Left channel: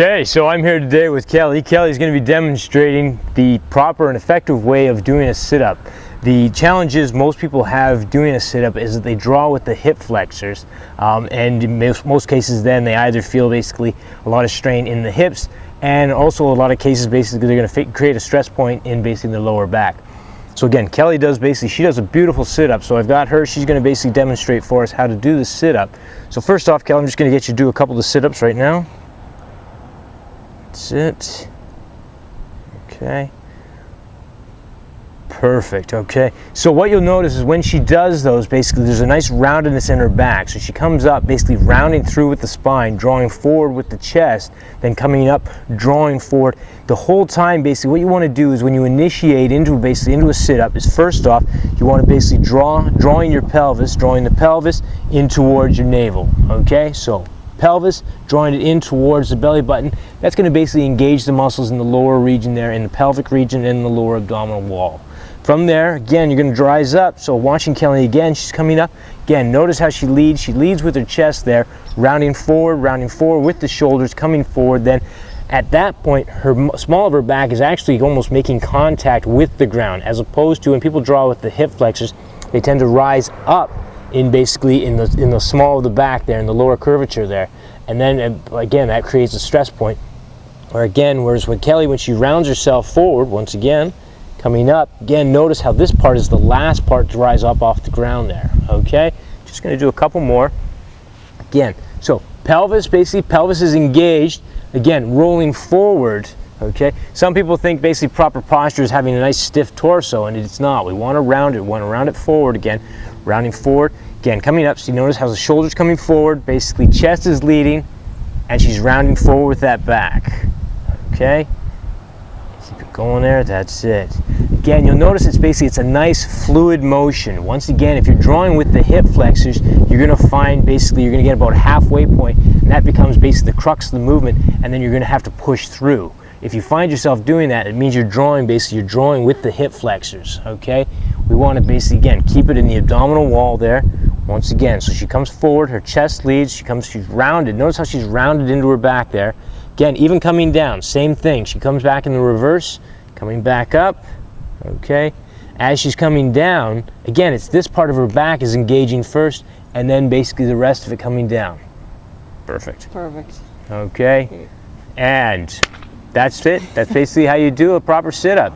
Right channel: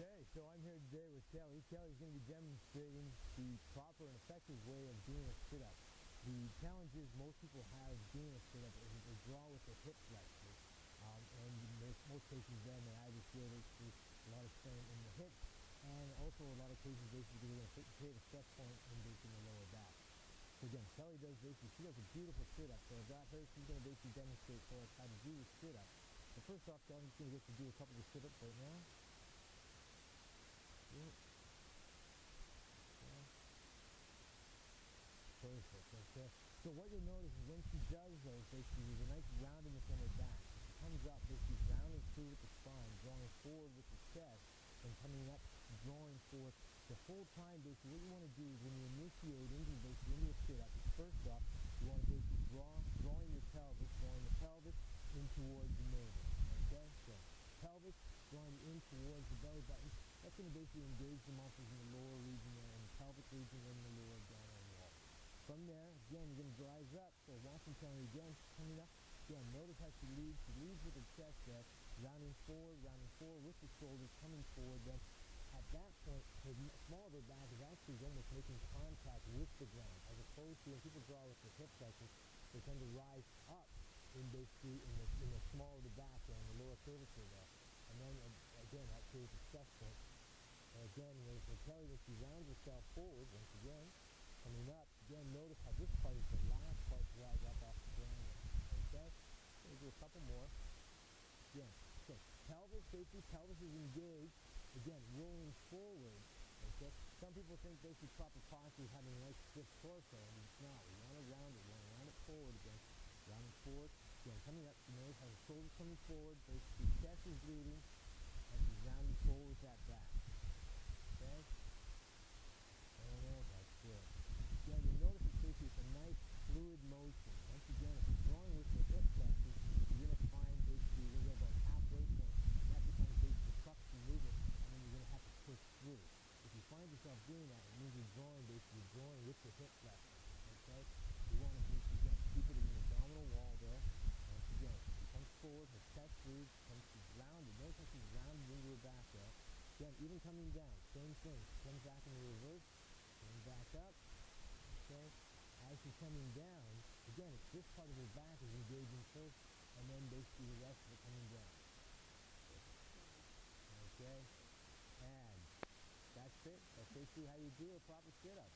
Okay, so I'm here today with Kelly. Kelly's going to be demonstrating the proper and effective way of doing a sit-up. The challenges most people have doing a sit-up is that they draw with the hip flexors, and in most cases then they either feel basically a lot of strain in the hips, and also a lot of cases basically they're going to create a stress point in basically the lower back. So again, Kelly does a beautiful sit-up. So I've got her, she's going to basically demonstrate for us how to do the sit-up. So first off, Kelly, I'm just going to get you to do a couple of the sit-ups right now. That's it. Okay. Perfect. Okay. So what you'll notice is when she does those, basically there's a nice roundedness in her back. So she comes up basically rounding through with the spine, drawing forward with the chest, then coming up, drawing forward. The whole time, basically what you want to do is when you initiate into a sit-up is first off, you want to basically drawing your pelvis, drawing the pelvis in towards your navel. Okay. So pelvis, drawing it in towards the belly button. That's going to basically engage the muscles in the lower region there, in the pelvic region and the lower abdominal wall. From there, again, you're going to rise up. So watching Kelly again, she's coming up. Again, notice how she leads. She leads with her chest there, rounding forward with the shoulders, coming forward. Then at that point, her small of her back is actually almost making contact with the ground, as opposed to when people draw with the hip flexors, they tend to rise up in the small of the back there, in the lower curvature there, and then again that creates a stress point. Or again, whereas with Kelly, when she rounds herself forward, once again coming up, again notice how this part is the last part to rise up off the ground there. Okay, just going to do a couple more. Again, so pelvis is engaged, again rolling forward. Okay, some people think basically proper posture is having a nice stiff torso, and it's not. We want to round it forward again, rounding forward, again coming up. So you notice how the shoulders coming forward, basically chest is leading, and she's rounding forward with that back. Okay, keep it going there, that's it. Again, you'll notice it's a nice fluid motion. Once again, if you're drawing with the hip flexors, you're going to find basically you're going to get about a halfway point, and that becomes basically the crux of the movement, and then you're going to have to push through. If you find yourself doing that, it means you're drawing with the hip flexors. Okay, we want to basically again keep it in the abdominal wall there. Once again, so she comes forward, her chest leads, she's rounded. Notice how she's rounded into her back there. Again, even coming down, same thing. She comes back in the reverse, coming back up. Okay, as she's coming down, again, it's this part of her back is engaging first, and then basically the rest of it coming down. Perfect. Perfect. Okay, and that's it. That's basically how you do a proper sit-up.